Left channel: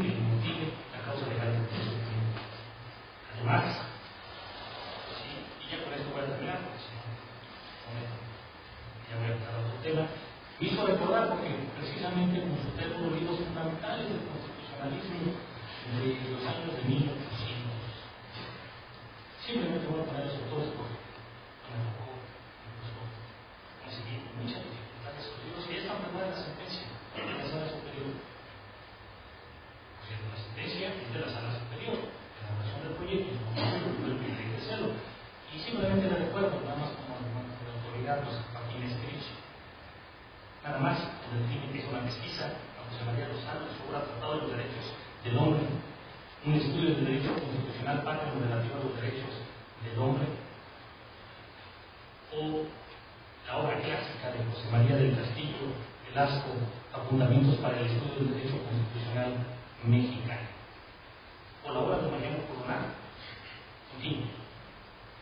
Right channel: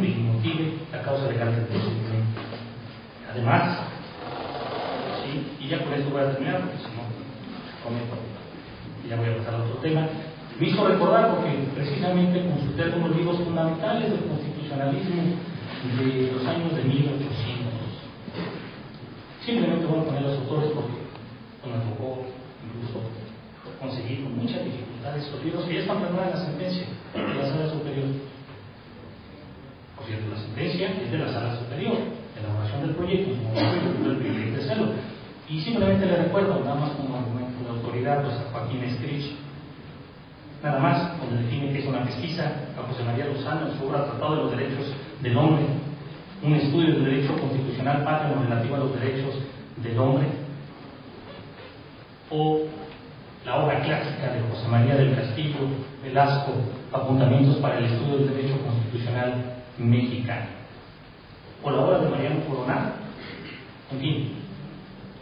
que motive la causa legal del procedimiento. Además, sí, y ya con esto voy a terminar, porque si no, cometo, y ya voy a pasar a otro tema. Me hizo recordar, porque precisamente consulté algunos libros fundamentales del constitucionalismo de los años de 1800. Simplemente voy a poner los autores porque me tocó incluso conseguir con muchas dificultades estos libros que ya están plasmados en la sentencia de la Sala Superior. Por cierto, la sentencia es de la Sala Superior, elaboración del proyecto, en su momento yo tuve el privilegio de hacerlo. Y simplemente le recuerdo, nada más como argumento de autoridad, pues a Joaquín Estrich, nada más, donde define que es una pesquisa, a José María Lozano en su obra Tratado de los Derechos del Hombre, un estudio del derecho constitucional patrio relativo a los derechos del hombre, o la obra clásica de José María del Castillo Velasco, Apuntamientos para el estudio del derecho constitucional mexicano, o la obra de Mariano Coronado. En fin,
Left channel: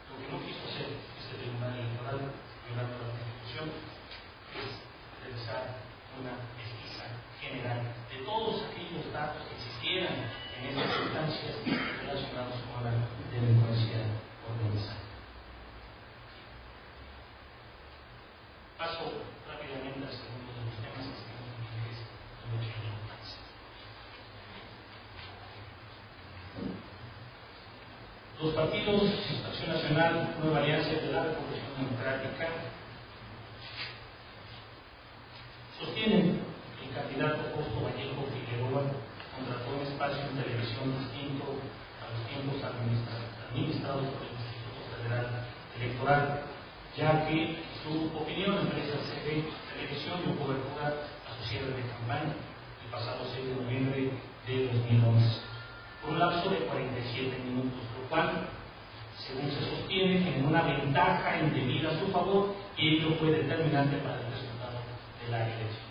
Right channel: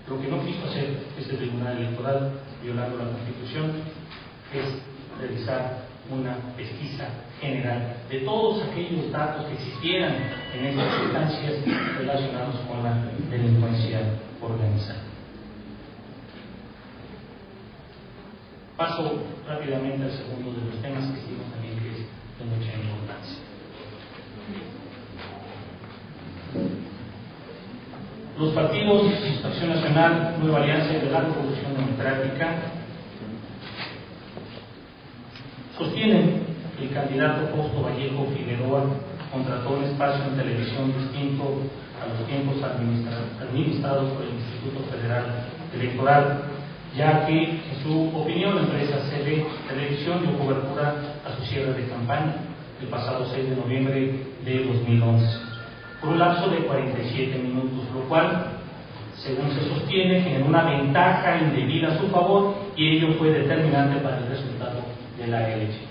lo que no quiso hacer este Tribunal Electoral, violando la Constitución, es realizar una pesquisa general de todos aquellos datos que existieran en estas instancias relacionados con la delincuencia organizada. Paso rápidamente al segundo de los temas que estimo también que es de mucha importancia. Los partidos Acción Nacional, Nueva Alianza y de la Revolución Democrática sostienen que el candidato Fausto Vallejo Figueroa contrató un espacio en televisión distinto a los tiempos administrados por el Instituto Federal Electoral, ya que, en su opinión, la empresa CB Televisión dio cobertura a su cierre de campaña el pasado 6 de noviembre de 2011, por un lapso de 47 minutos, lo cual, según se sostiene, generó una ventaja indebida a su favor y ello fue determinante para el resultado de la elección.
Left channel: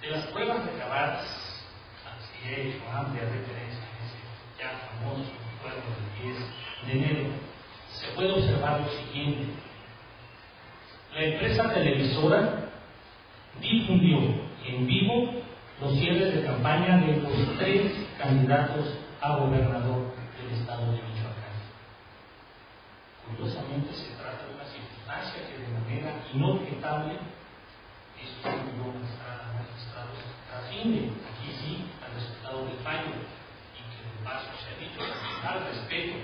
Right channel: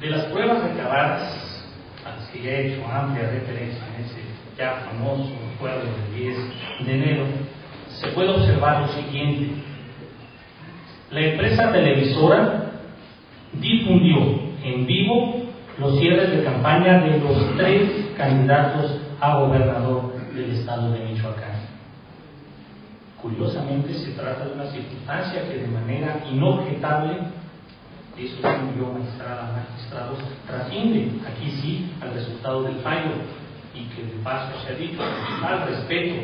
De las pruebas recabadas, a las que ya he hecho amplia referencia en ese ya famoso jueves del 10 de enero, se puede observar lo siguiente. La empresa televisora difundió en vivo los cierres de campaña de los 3 candidatos a gobernador del estado de Michoacán. Curiosamente, se trata de una circunstancia que de manera inobjetable, eso es yo magistrados, trasciende aquí sí al resultado del fallo, y que de paso se ha dicho al respeto,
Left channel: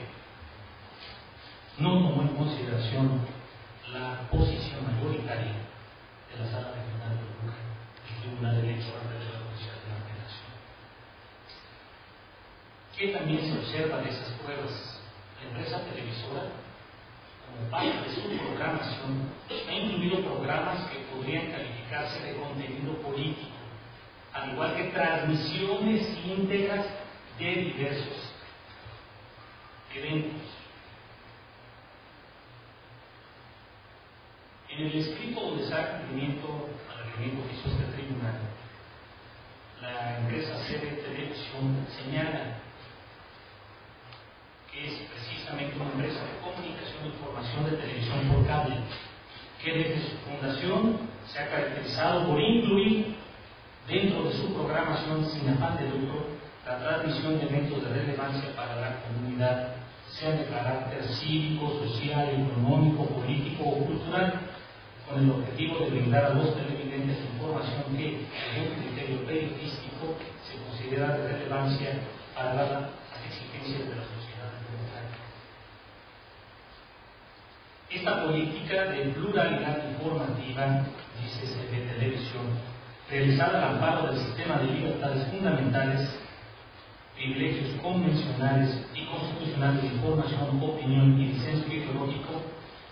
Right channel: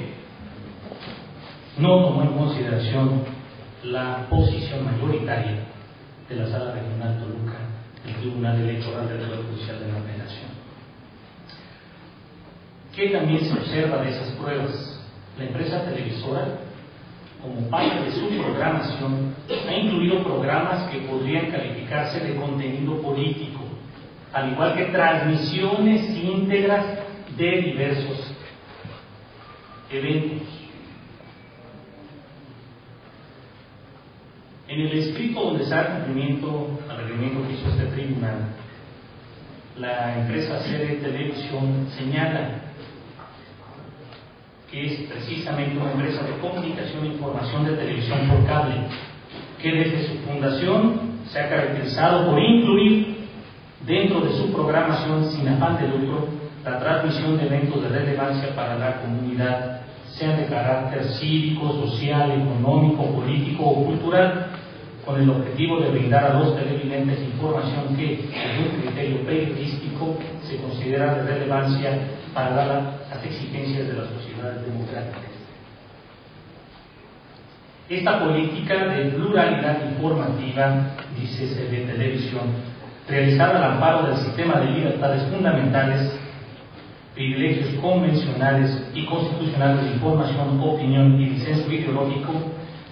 no tomó en consideración la posición mayoritaria de la Sala Regional Toluca, el Tribunal Electoral del Poder Judicial de la Federación. ¿Qué también se observa de esas pruebas? La empresa televisora, como parte de su programación, ha incluido programas que podrían calificarse de contenido político, al igual que transmisiones íntegras de diversos eventos. En el escrito donde se da cumplimiento al requerimiento que hizo este tribunal, la empresa CB Televisión señala que es precisamente una empresa de comunicación e información de televisión por cable, que desde su fundación se ha caracterizado por incluir dentro de su programación sin afán de lucro la transmisión de eventos de relevancia para la comunidad, sean de carácter cívico, social, económico, político o cultural, con el objetivo de brindar a los televidentes información que, desde un criterio periodístico, se considera de relevancia para las exigencias de las sociedades democráticas. Esta política de pluralidad informativa, dice CB Televisión, realizada al amparo del sistema de libertades fundamentales, privilegios convencionales y constitucionales de información, opinión y disenso ideológico,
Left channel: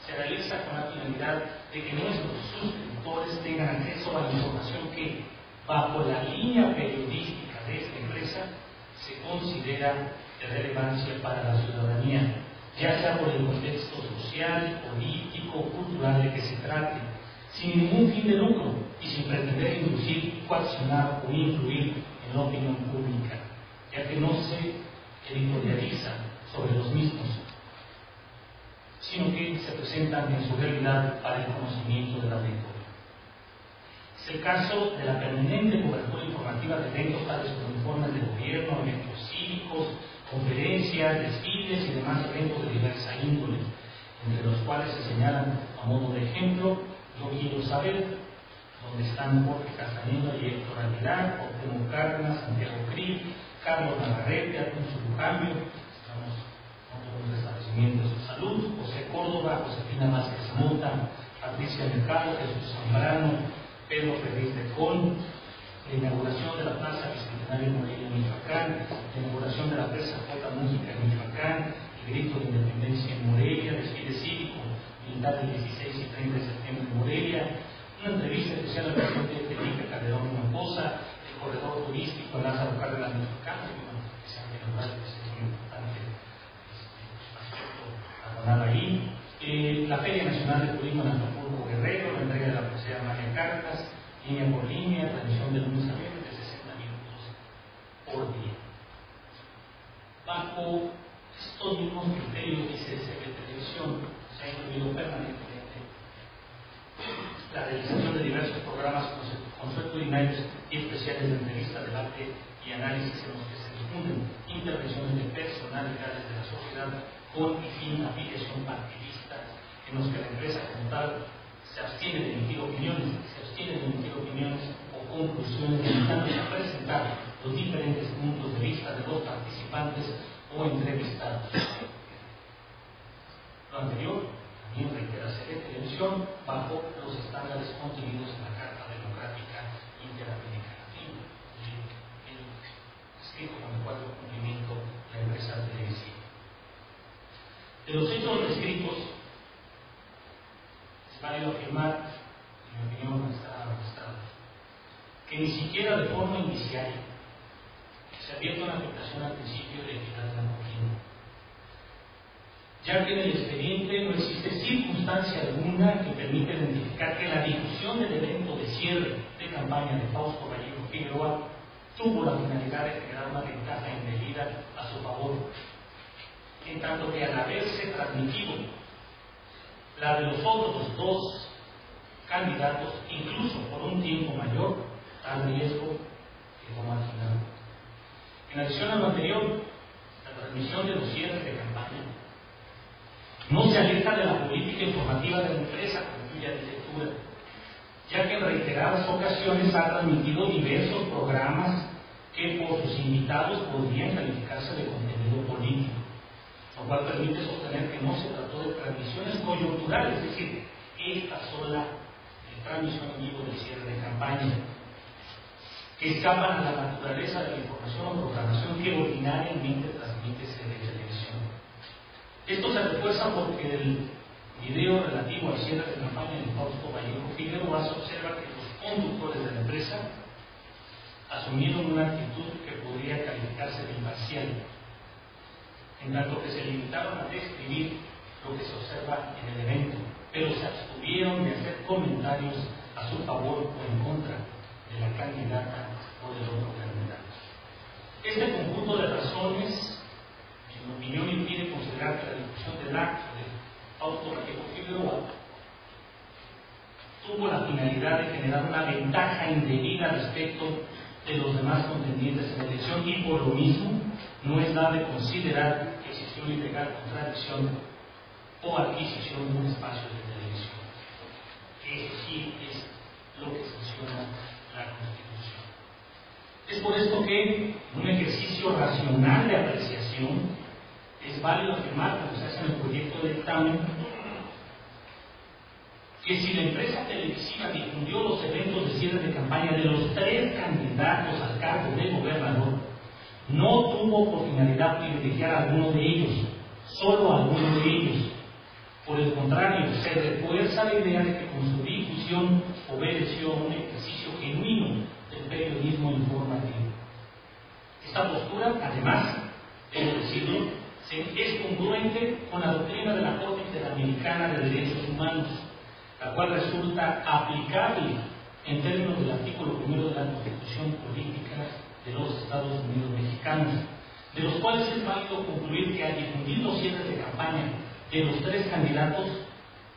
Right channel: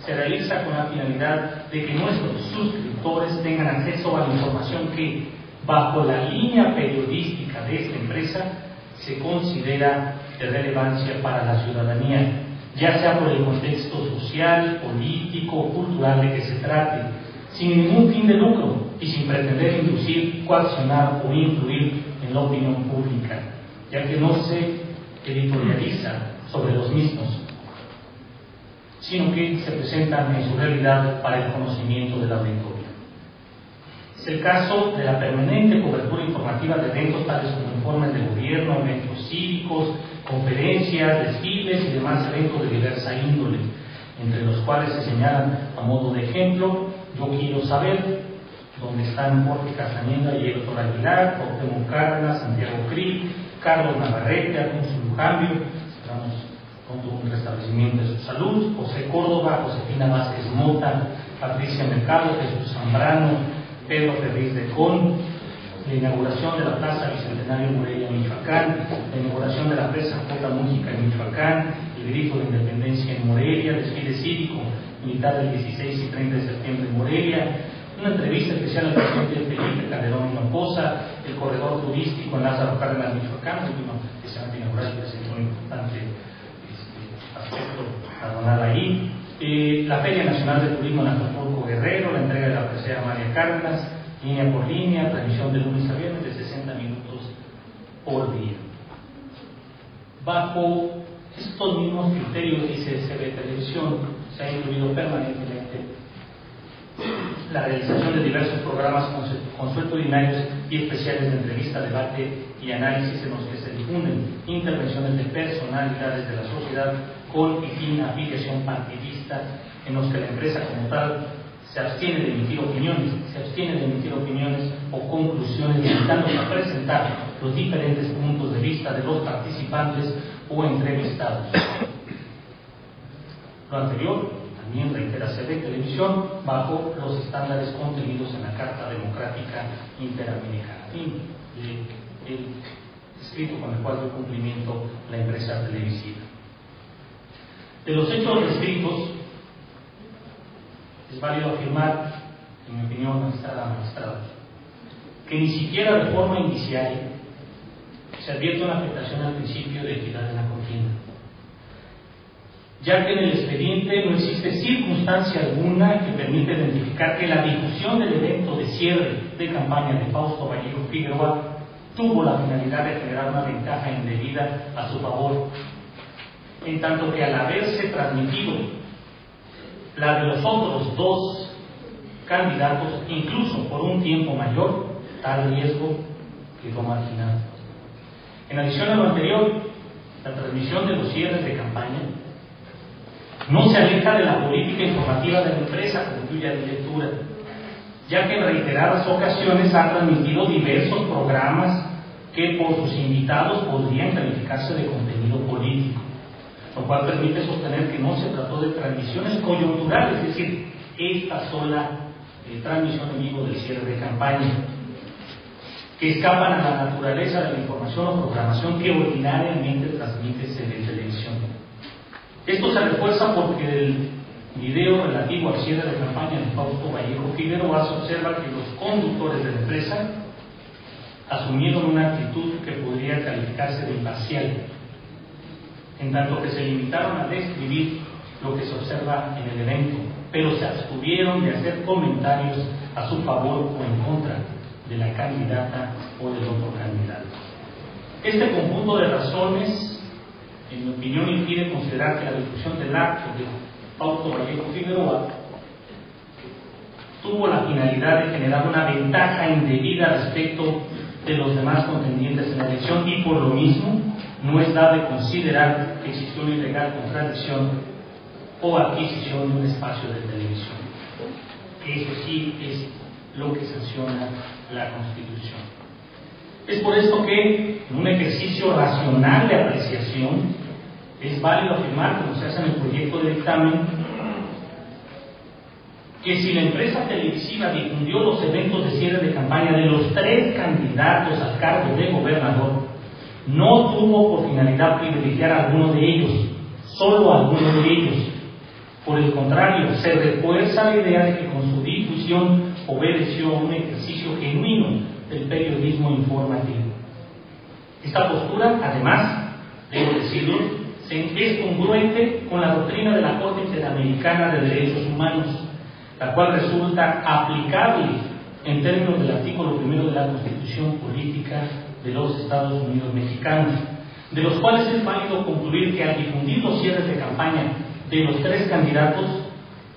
se realiza con la finalidad de que nuestros suscriptores tengan acceso a la información que, bajo la línea periodística de esta empresa, se considera de relevancia para la ciudadanía, ya sea por el contexto social, político o cultural de que se trate, sin ningún fin de lucro y sin pretender inducir, coaccionar o influir en la opinión pública, ya que no se editorializa sobre los mismos, sino que se presentan en su realidad para el conocimiento del auditorio. Es el caso de la permanente cobertura informativa de eventos tales como informes de gobierno, eventos cívicos, conferencias, desfiles y demás eventos de diversa índole, entre los cuales se señalan a modo de ejemplo: Yo Quiero Saber, donde están Jorge Castañeda y Héctor Aguilar, Cuauhtémoc Cárdenas, Santiago Krill, Carlos Navarrete, Alfonso Lujambio, esperamos pronto un restablecimiento de su salud, José Córdoba, Josefina Vázquez Mota, Patricia Mercado, Jesús Zambrano, Pedro Ferriz de Con, la inauguración de la Plaza Bicentenario en Morelia, Michoacán, la inauguración de la Presa J. Mújica en Michoacán, el grito de independencia en Morelia, desfile cívico militar del 16 y 30 de septiembre en Morelia, una entrevista especial al presidente Felipe Calderón Hinojosa, el corredor turístico en Lázaro Cárdenas, Michoacán, que se ha inaugurado y presentó un importante aspecto aduanal ahí, la Feria Nacional de Turismo en Acapulco Guerrero, la entrega de la presea María Cárdenas, línea por línea, transmisión de lunes a viernes de 60 minutos por día. Bajo estos mismos criterios, dice CB Televisión, se ha incluido permanentemente la realización de diversos programas consuetudinarios y especiales de entrevista, debate y análisis en los que se difunden intervenciones de personalidades de la sociedad con y sin afiliación partidista, en los que la empresa como tal se abstiene de emitir opiniones, o conclusiones, limitándose a presentar los diferentes puntos de vista de los participantes o entrevistados. Lo anterior también reitera CB Televisión bajo los estándares contenidos en la Carta Democrática Interamericana. El escrito con el cual dio cumplimiento la empresa televisiva. De los hechos descritos, es válido afirmar, en mi opinión, magistrados, que ni siquiera de forma indiciaria se advierte una afectación al principio de equidad de la contienda, ya que en el expediente no existe circunstancia alguna que permita identificar que la difusión del evento de cierre de campaña de Fausto Vallejo Figueroa tuvo la finalidad de generar una ventaja indebida a su favor, en tanto que al haberse transmitido la de los otros dos candidatos, incluso por un tiempo mayor, tal riesgo quedó marginado. En adición a lo anterior, la transmisión de los cierres de campaña no se aleja de la política informativa de la empresa, cuya lectura, ya que en reiteradas ocasiones ha transmitido diversos programas que por sus invitados podrían calificarse de contenido político, lo cual permite sostener que no se trató de transmisiones coyunturales, es decir, esta sola transmisión en vivo del cierre de campaña, que escapan a la naturaleza de la información o programación que ordinariamente transmite CB Televisión. Esto se refuerza porque el video relativo al cierre de campaña de Fausto Vallejo Figueroa se observa que los conductores de la empresa asumieron una actitud que podría calificarse de imparcial, en tanto que se limitaron a describir lo que se observa en el evento, pero se abstuvieron de hacer comentarios a su favor o en contra de la candidata o del otro candidato. Este conjunto de razones, en mi opinión, impide considerar que la difusión del acto de Fausto Vallejo Figueroa tuvo la finalidad de generar una ventaja indebida respecto de los demás contendientes en la elección, y por lo mismo no es dable considerar que existió una ilegal contradicción o adquisición de un espacio de televisión. Eso sí es lo que sanciona la Constitución. Es por esto que, en un ejercicio racional de apreciación, es válido afirmar, como se hace en el proyecto de dictamen, que si la empresa televisiva difundió los eventos de cierre de campaña de los tres candidatos al cargo de gobernador, no tuvo por finalidad privilegiar a alguno de ellos, solo a alguno de ellos. Por el contrario, se refuerza la idea de que con su difusión obedeció a un ejercicio genuino del periodismo informativo. Esta postura, además, debo decirlo, es congruente con la doctrina de la Corte Interamericana de Derechos Humanos, la cual resulta aplicable en términos del artículo 1 de la Constitución Política de los Estados Unidos Mexicanos, de los cuales es válido concluir que al difundir los cierres de campaña de los tres candidatos,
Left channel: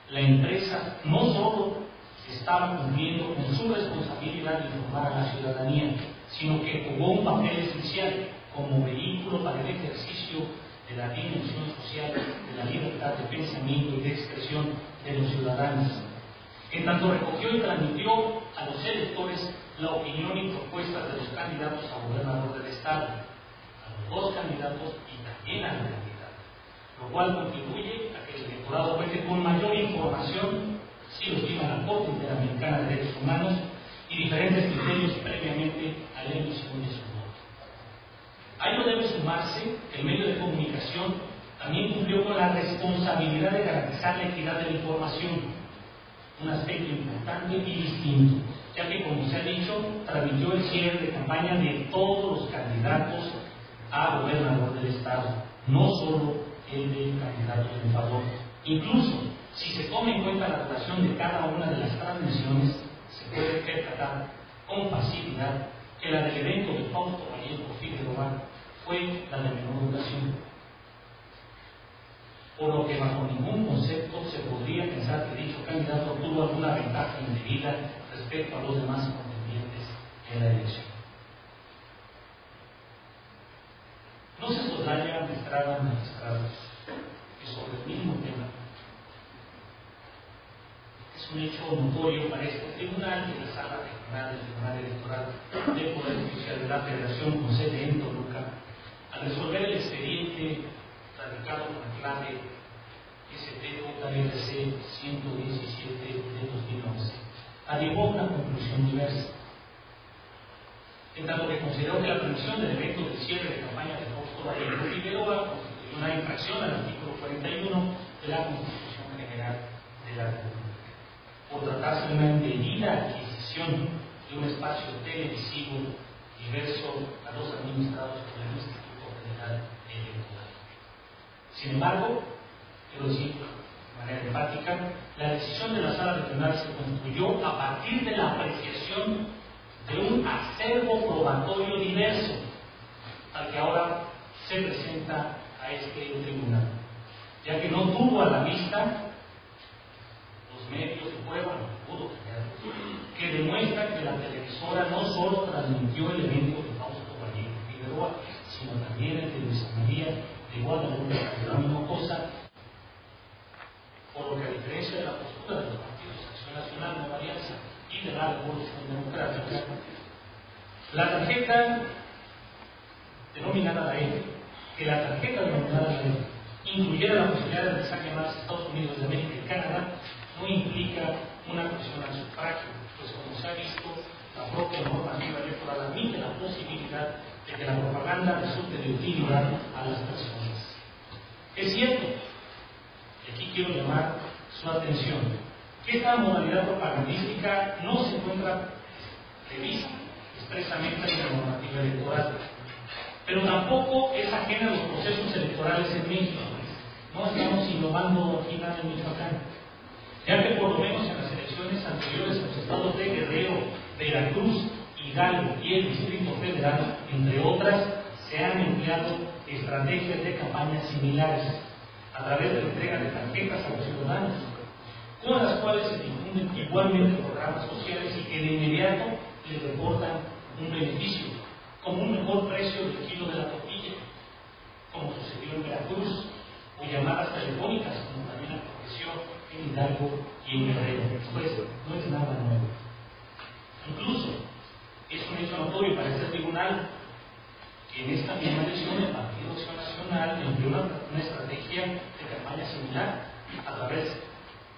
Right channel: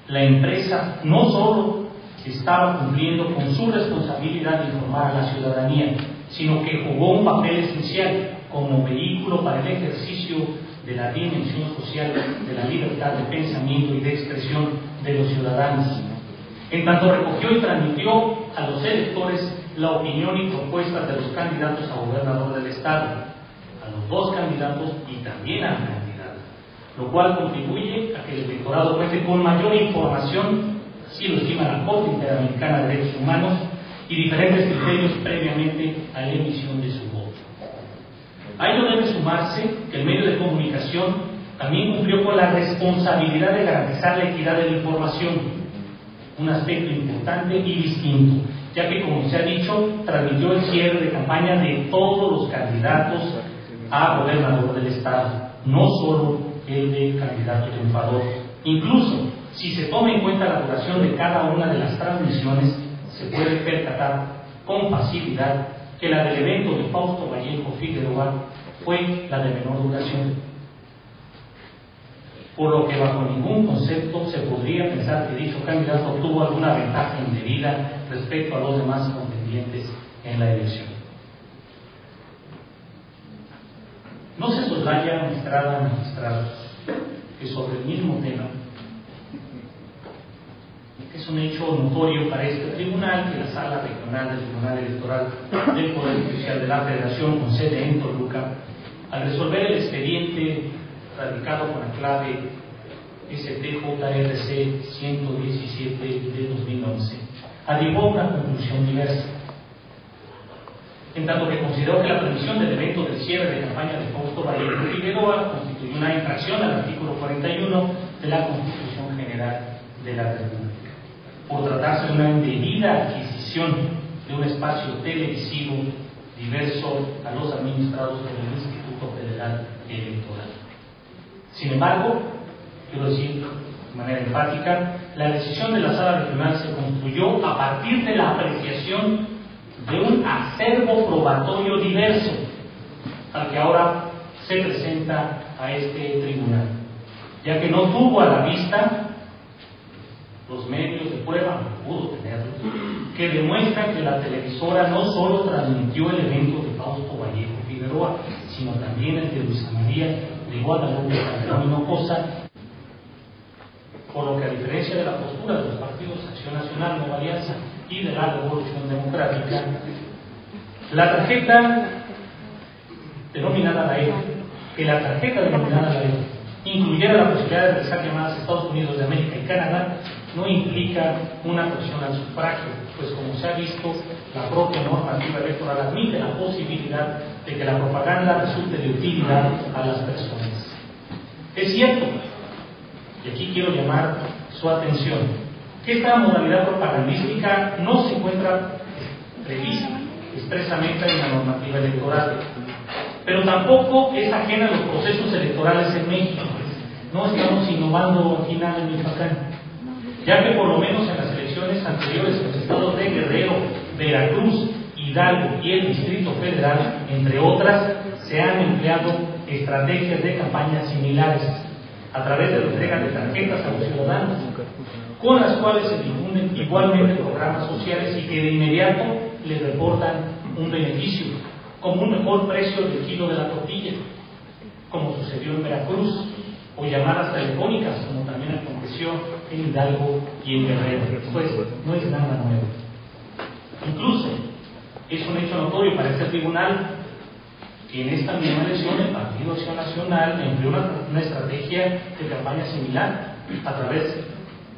la empresa no solo estaba cumpliendo con su responsabilidad de informar a la ciudadanía, sino que jugó un papel esencial como vehículo para el ejercicio de la dimensión social de la libertad de pensamiento y de expresión de los ciudadanos. En tanto recogió y transmitió a los electores la opinión y propuestas de los candidatos a gobernador del Estado, a los dos candidatos y también a la candidata, lo cual contribuye a que el electorado cuente con mayor información, así lo estima la Corte Interamericana de Derechos Humanos, y diferentes criterios previamente a la emisión de su voto. A ello debe sumarse que el medio de comunicación también cumplió con la responsabilidad de garantizar la equidad de la información, un aspecto importante y distinto, ya que, como se ha dicho, transmitió el cierre de campaña de todos los candidatos a gobernador del Estado, no solo el de candidato triunfador. Incluso, si se toma en cuenta la duración de cada una de las transmisiones, se puede percatar con facilidad que la del evento de Fausto Vallejo Figueroa fue la de menor duración, por lo que bajo ningún concepto se podría pensar que dicho candidato obtuvo alguna ventaja indebida respecto a los demás contendientes en la elección. No se soslaya, magistrados, que sobre el mismo tema es un hecho notorio para este tribunal que la Sala Regional del Tribunal Electoral del Poder Judicial de la Federación, con sede en Toluca, al resolver el expediente radicado con la clave STJRC 117 de 2011, arribó a una conclusión diversa, en tanto que consideró que la permisión del evento del cierre de campaña de Fausto Vallejo Figueroa constituyó una infracción al artículo 41 de la Constitución General de la República, por tratarse de una indebida adquisición de un espacio televisivo diverso a los administrados por el Instituto Federal Electoral. Sin embargo, quiero decir de manera enfática, la decisión de la Sala Regional se construyó a partir de la apreciación de un acervo probatorio diverso al que ahora se presenta a este tribunal, ya que no tuvo a la vista los medios de prueba, no pudo tenerlos, que demuestran que la televisora no solo transmitió el evento de Fausto Vallejo Figueroa, sino también el de Luisa María de Guadalupe Calderón Hinojosa, por lo que, a diferencia de la postura de los partidos Acción Nacional, Nueva Alianza y de la Revolución Democrática, la tarjeta denominada la E, incluyera la posibilidad de realizar llamadas a Estados Unidos de América y Canadá, no implica una presión al sufragio, pues como se ha visto, la propia normativa electoral admite la posibilidad de que la propaganda resulte de utilidad a las personas. Es cierto, y aquí quiero llamar su atención, que esta modalidad propagandística no se encuentra prevista expresamente en la normativa electoral, pero tampoco es ajena a los procesos electorales en México. No estamos innovando aquí nada en Michoacán, ya que por lo menos en las elecciones anteriores en los estados de Guerrero, Veracruz, Hidalgo y el Distrito Federal, entre otras, se han empleado estrategias de campañas similares a través de la entrega de tarjetas a los ciudadanos, con las cuales se difunden igualmente programas sociales y que de inmediato les reportan un beneficio, como un mejor precio del kilo de la tortilla, como sucedió en Veracruz, o llamadas telefónicas, como también aconteció en Hidalgo y en Guerrero. Esto no es nada nuevo. Incluso es un hecho notorio para este tribunal que en esta misma elección el Partido Acción Nacional empleó una estrategia de campaña similar a través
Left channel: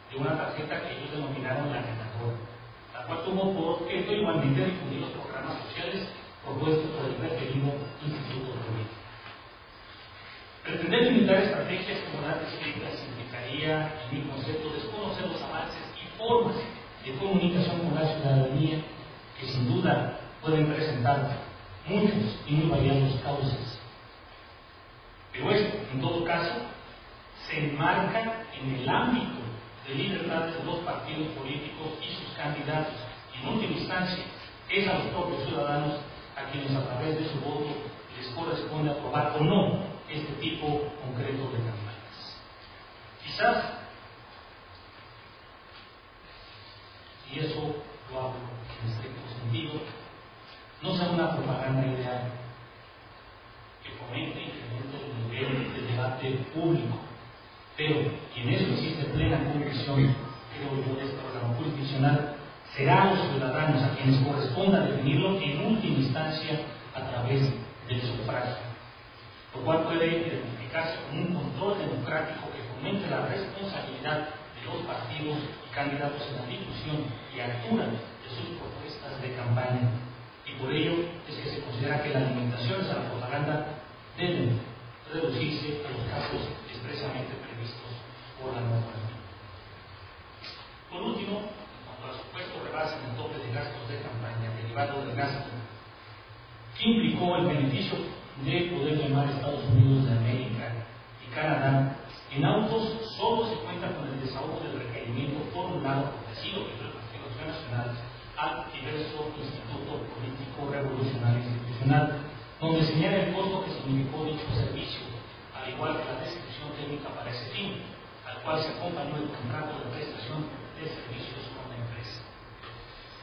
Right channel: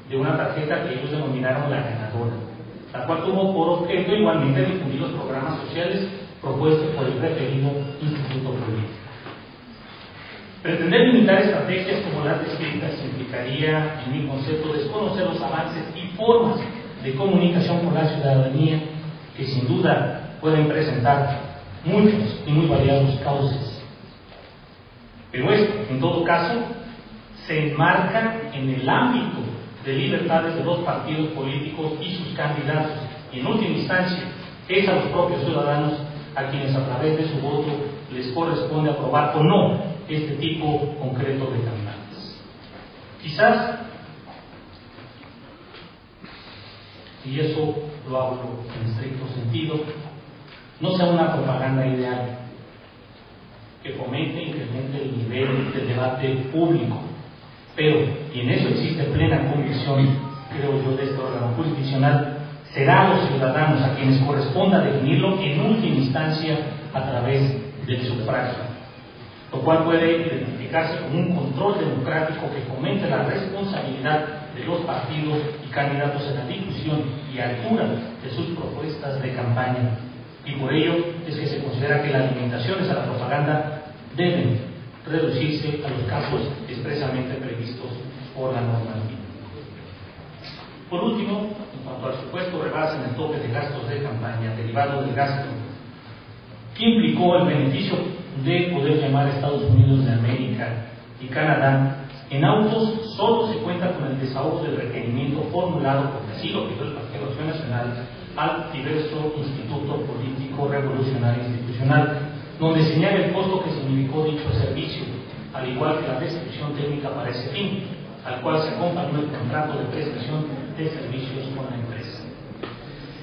de una tarjeta que ellos denominaron la ganadora, la cual tuvo por objeto igualmente difundir los programas sociales propuestos por el referido Instituto Político. Pretender limitar estrategias como las descritas implicaría, en mi concepto, desconocer los avances y formas de comunicación con la ciudadanía que sin duda pueden presentar muchos y muy variados cauces. Pero esto, en todo caso, se enmarca en el ámbito de libertades de los partidos políticos y sus candidatos, y en última instancia es a los propios ciudadanos a quienes a través de su voto les corresponde aprobar o no este tipo concreto de campañas. Quizás y eso lo hablo en estricto sentido, no sea una propaganda ideal que fomente e incremente el nivel de debate público, pero, y en eso existe plena convicción, creo yo, de este órgano jurisdiccional, será a los ciudadanos a quienes corresponda definirlo en última instancia a través del sufragio, lo cual puede identificarse como un control democrático que fomente la responsabilidad de los partidos y candidatos en la difusión y altura de sus propuestas de campaña, y por ello es que se considera que las limitaciones a la propaganda deben reducirse a los casos expresamente previstos por la normativa. Por último, en cuanto al supuesto rebase en el tope de gastos de campaña derivado del gasto que implicó el beneficio de poder llamar a Estados Unidos de América y Canadá, en autos solo se cuenta con el desahogo del requerimiento formulado, porque así lo pidió el Partido Acción Nacional, al diverso Instituto Político Revolucionario Institucional, donde señala el costo que significó dicho servicio, al igual que la descripción técnica para ese fin, al cual se acompañó el contrato de prestación de servicios con la empresa.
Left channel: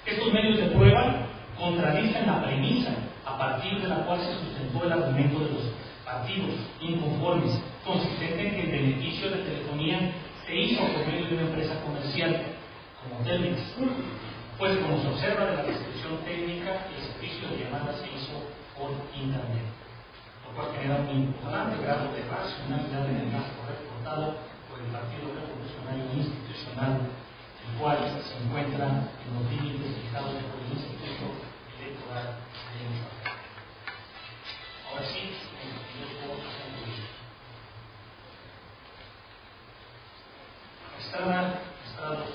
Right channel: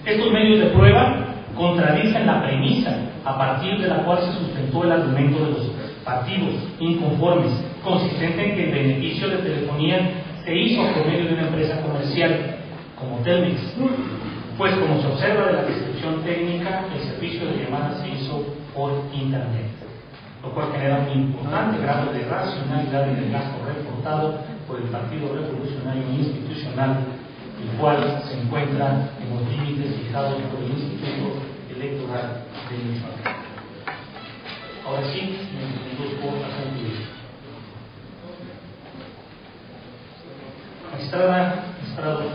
Estos medios de prueba contradicen la premisa a partir de la cual se sustentó el argumento de los partidos inconformes, consistente en que el beneficio de telefonía se hizo por medio de una empresa comercial como Telmex, pues como se observa de la descripción técnica, el servicio de llamada se hizo por internet, lo cual genera un importante grado de racionalidad en el gasto reportado por el Partido Revolucionario Institucional, el cual se encuentra en los límites fijados por el Instituto Electoral de Michoacán. Ahora sí, me introduzco a concluir. Magistrados,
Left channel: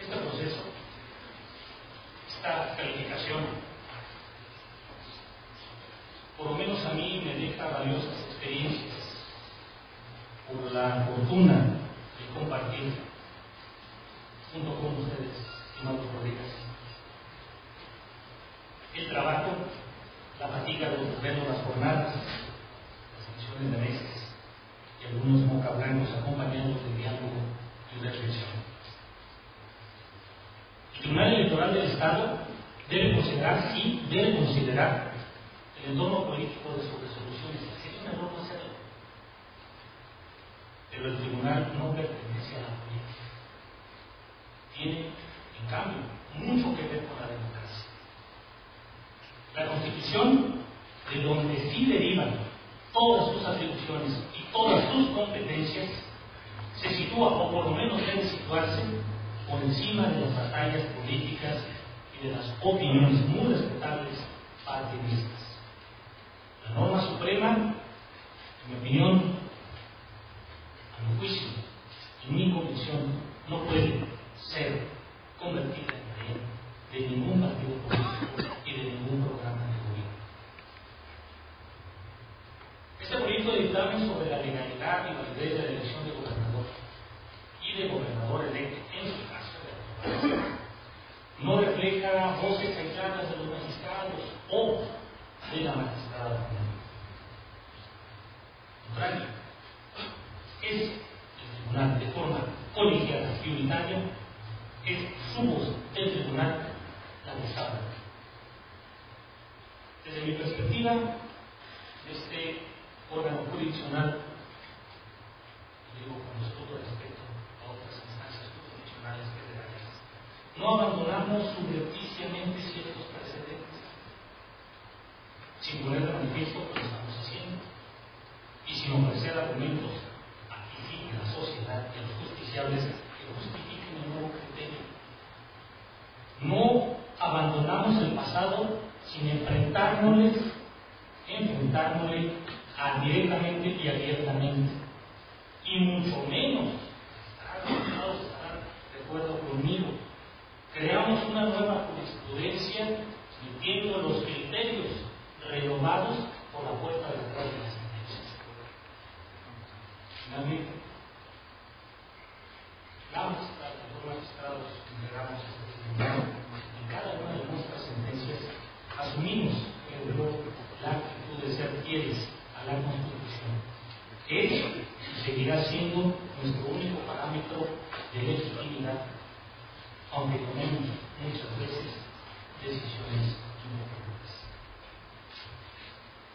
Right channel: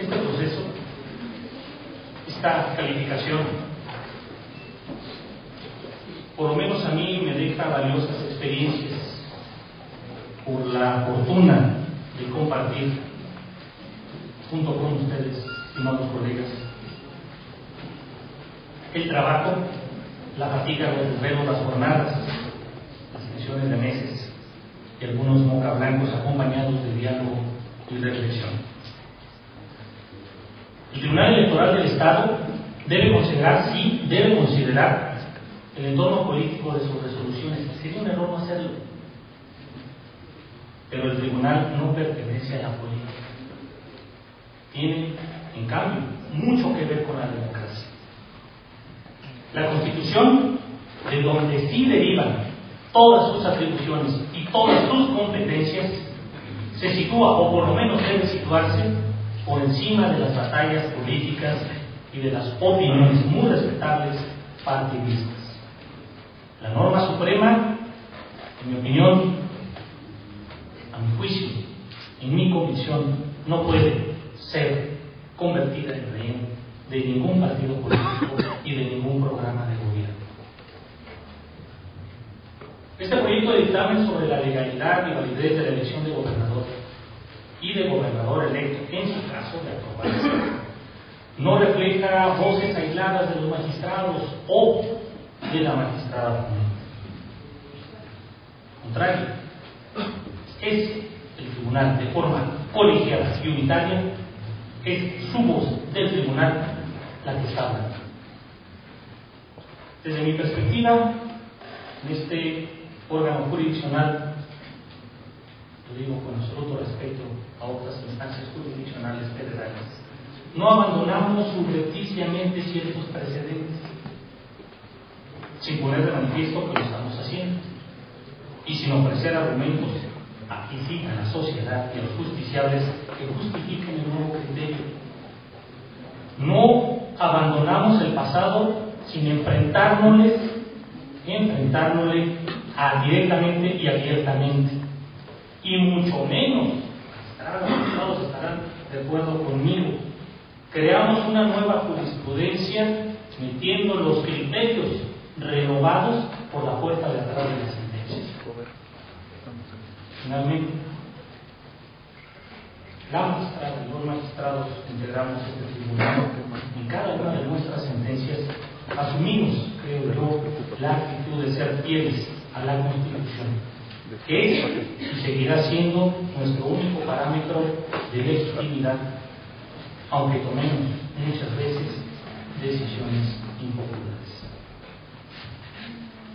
este proceso, esta calificación, por lo menos a mí me deja valiosas experiencias por la fortuna de compartir junto con ustedes, estimados colegas, el trabajo, la fatiga de los las jornadas, las sesiones de meses y algunos mocablancos acompañados de diálogo y reflexión. El Tribunal Electoral del Estado debe considerar el entorno político de sus resoluciones. Sería un error no hacerlo, pero el tribunal no pertenece a la política. Tiene, en cambio, mucho que ver con la democracia. La Constitución, de donde sí derivan todas sus atribuciones y todas sus competencias, se sitúa, o por lo menos debe situarse, por encima de las batallas políticas y de las opiniones muy respetables partidistas. La norma suprema, en mi opinión, a mi juicio, en mi convicción, no puede ser convertida en rehén de ningún partido político y de ningún programa de gobierno. Este proyecto de dictamen sobre la legalidad y validez de la elección de gobernador y de gobernador electo, en su caso de aprobarse, no refleja voces aisladas de los magistrados o de la magistrada común. Al contrario, es el tribunal, de forma colegiada y unitaria, es su voz del tribunal la que está hablando. Desde mi perspectiva, en este órgano jurisdiccional, lo digo con absoluto respeto a otras instancias jurisdiccionales federales, no abandonamos subrepticiamente ciertos precedentes, sin poner de manifiesto que lo estamos haciendo, y sin ofrecer argumentos, aquí sí, a la sociedad y a los justiciables que justifiquen el nuevo criterio. No abandonamos el pasado sin enfrentárnosle directamente y abiertamente, y mucho menos, los estarán de acuerdo conmigo, creamos una nueva jurisprudencia metiendo los criterios renovados por la puerta de atrás de las sentencias. Finalmente, la magistrada y los magistrados que integramos este tribunal, en cada una de nuestras sentencias asumimos, creo yo, la actitud de ser fieles a la Constitución, que es y seguirá siendo nuestro único parámetro de legitimidad aunque tomemos muchas veces decisiones impopulares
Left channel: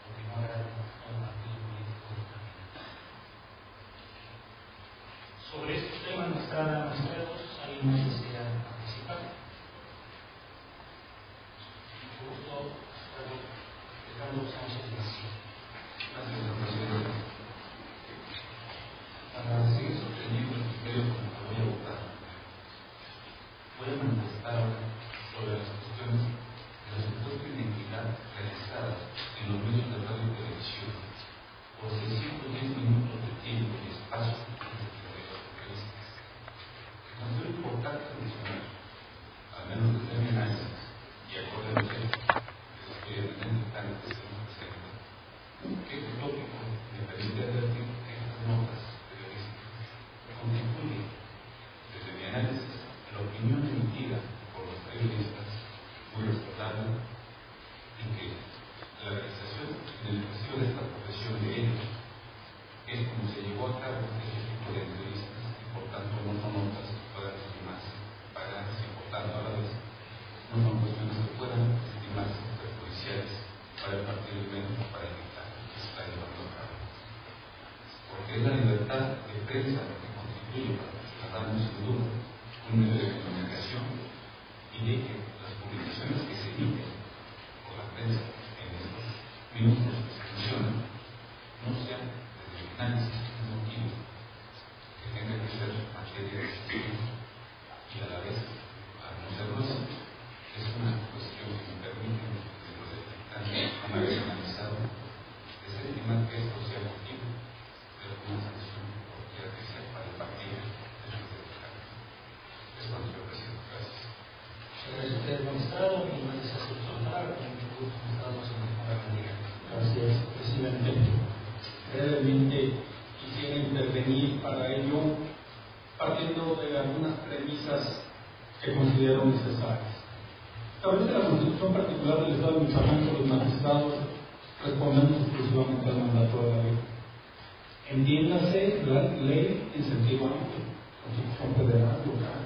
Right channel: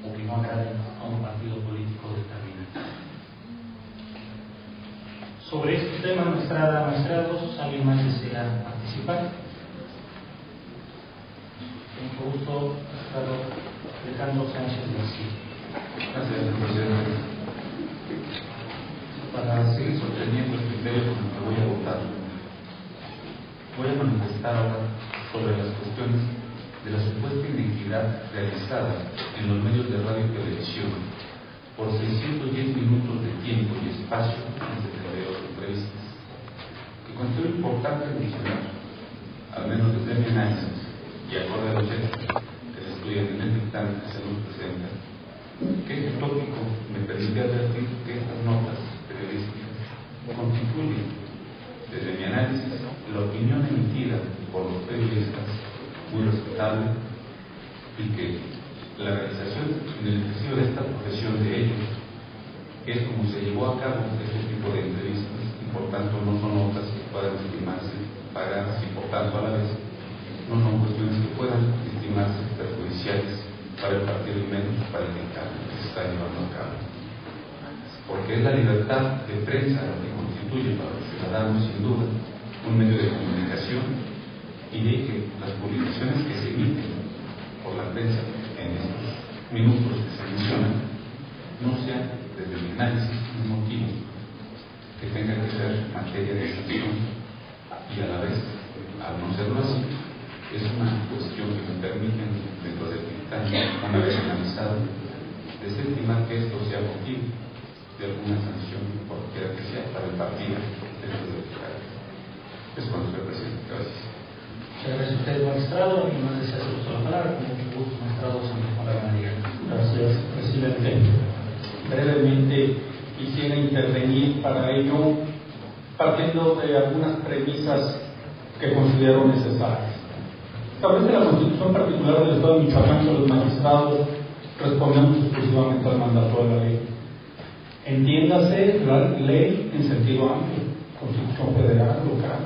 o que no agraden a un partido político determinado. Sobre este tema, maestrados, ¿alguien más desea participar? Con mucho gusto, maestrado Alejandro Sánchez García. Gracias, señor presidente. Para seguir sosteniendo el criterio con el que voy a votar, voy a manifestar ahora sobre las cuestiones de la supuesta inequidad realizada en los medios de radio y televisión por 610 minutos de tiempo y espacio en 72 entrevistas, que considero importante mencionar, al menos desde mi análisis y acorde a los hechos que se estudian en el dictamen que se nos presenta, que este tópico me permite advertir que estas notas periodísticas constituyen, desde mi análisis, la opinión emitida por los periodistas muy respetable y que la realización en el ejercicio de esta profesión de ellos es como se llevó a cabo este tipo de entrevistas y por tanto no son notas que puedan estimarse pagadas y por tanto a la vez no son cuestiones que puedan estimarse perjudiciales para el partido y menos para el dictamen que se está llevando a cabo, porque es la libertad de prensa la que constituye para los ciudadanos sin duda un medio de comunicación y de que las publicaciones que se emiten por la prensa en estos minutos que se mencionan no sean, desde mi análisis, un motivo que tenga que ser materia de discusión y a la vez, al no serlo así, es una cuestión que me permite, dentro del dictamen, una vez analizado, desestimar que esto sea motivo de alguna sanción, cualquiera que sea, para el partido dentro del dictamen. Es cuando se presenta. Gracias. Muchas gracias a usted, magistrado. Y más desea hacer uso de la palabra. Con mucho gusto, magistrado Santos María. Gracias, presidente. Brevemente quisiera intervenir para ello partiendo de algunas premisas que considero necesarias. Establece la Constitución particular del Estado de Michoacán que los magistrados respondemos exclusivamente al mandato de la ley. Entiéndase la ley en sentido amplio, Constitución federal, local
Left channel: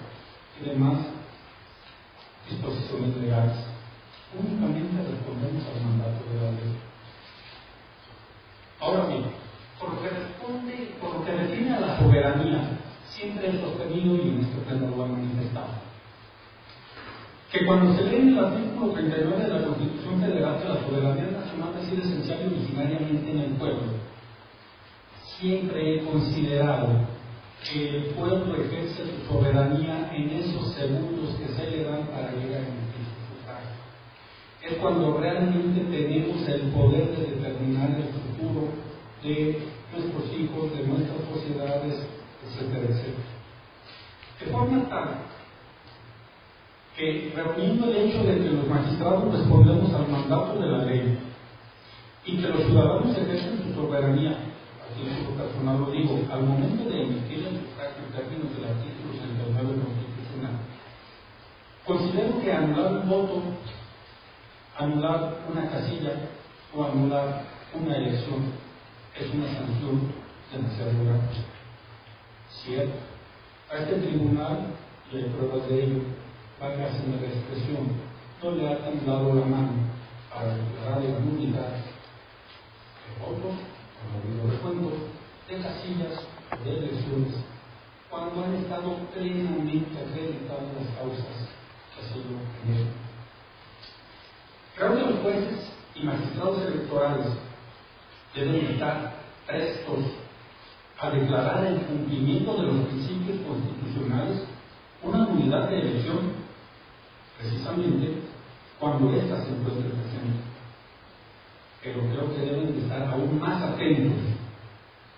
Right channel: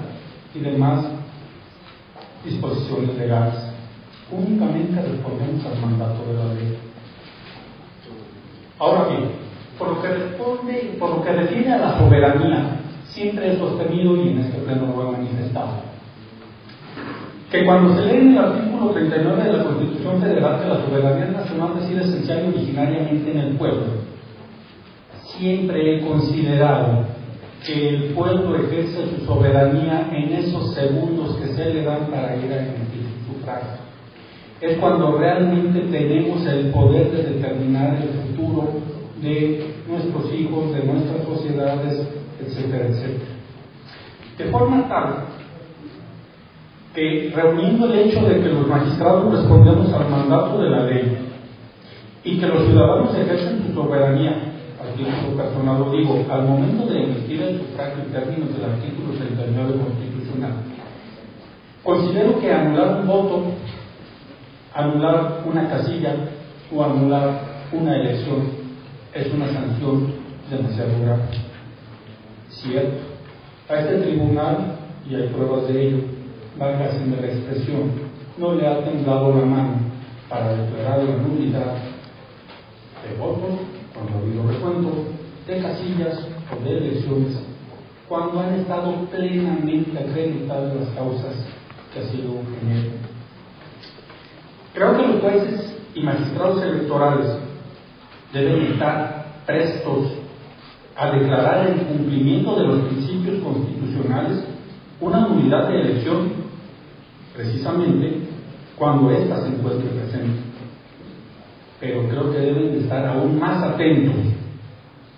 y demás disposiciones legales. Únicamente respondemos al mandato de la ley. Ahora bien, por lo que refiere a la soberanía, siempre he sostenido y en este pleno lo he manifestado, que cuando se lee en el artículo 39 de la Constitución Federal que la soberanía nacional reside esencial y originariamente en el pueblo, siempre he considerado que el pueblo ejerce su soberanía en esos segundos que se le dan para ir a emitir su sufragio. Es cuando realmente tenemos el poder de determinar el futuro de nuestros hijos, de nuestras sociedades, etcétera, etcétera. De forma tal que, reuniendo el hecho de que los magistrados respondemos al mandato de la ley y que los ciudadanos ejercen su soberanía, a título personal lo digo, al momento de emitir el sufragio en términos del artículo 69 constitucional, considero que anular un voto, anular una casilla o anular una elección es una sanción demasiado grave. Cierto, a este tribunal, y hay pruebas de ello, válgase la expresión, no le ha temblado la mano para declarar la nulidad de votos, cuando ha habido recuentos, de casillas o de elecciones, cuando han estado plenamente acreditadas las causas que así lo generan. Creo que los jueces y magistrados electorales deben estar prestos a declarar el cumplimiento de los principios constitucionales una nulidad de elección, precisamente cuando ésta se encuentre presente. Pero creo que deben de estar aún más atentos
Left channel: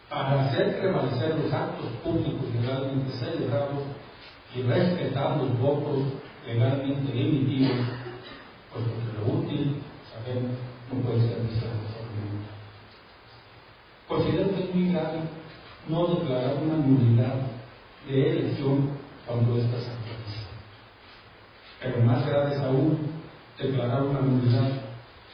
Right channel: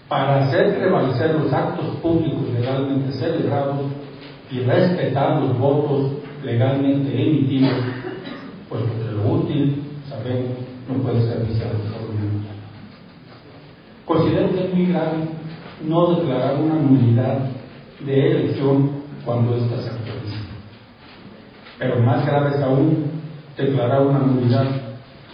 para hacer prevalecer los actos públicos legalmente celebrados y respetar los votos legalmente emitidos, puesto que lo útil, sabemos, no puede ser viciado probablemente. Considero que es muy grave no declarar una nulidad de elección cuando ésta se actualiza. Pero más grave es aún declarar una nulidad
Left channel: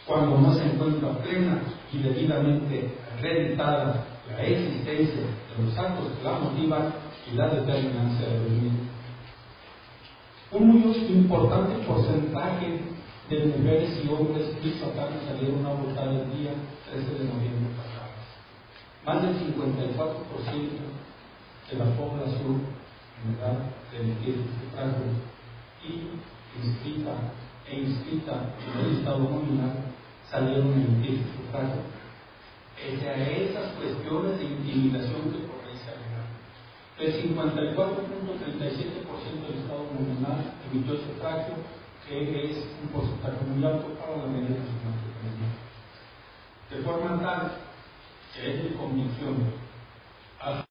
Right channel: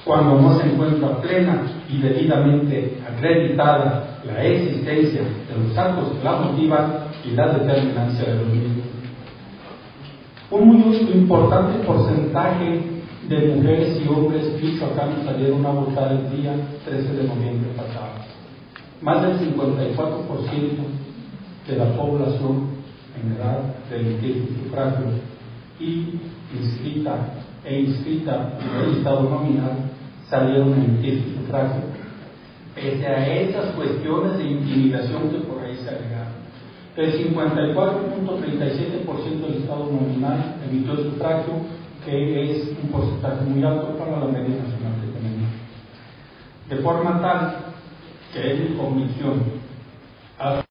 cuando no se encuentra plena y debidamente acreditada la existencia de los actos que la motivan y la determinancia de los mismos. Un muy importante porcentaje de mujeres y hombres michoacanos salieron a votar el día 13 de noviembre pasado. Más del 54% de la población en edad de emitir su sufragio y inscrita en el listado nominal salieron a emitir su sufragio, pese a esas cuestiones de intimidación que por ahí se agregaron. El 54.37% del listado nominal emitió el sufragio, que es un porcentaje muy alto para la media nacional que tenemos. De forma tal que es mi convicción,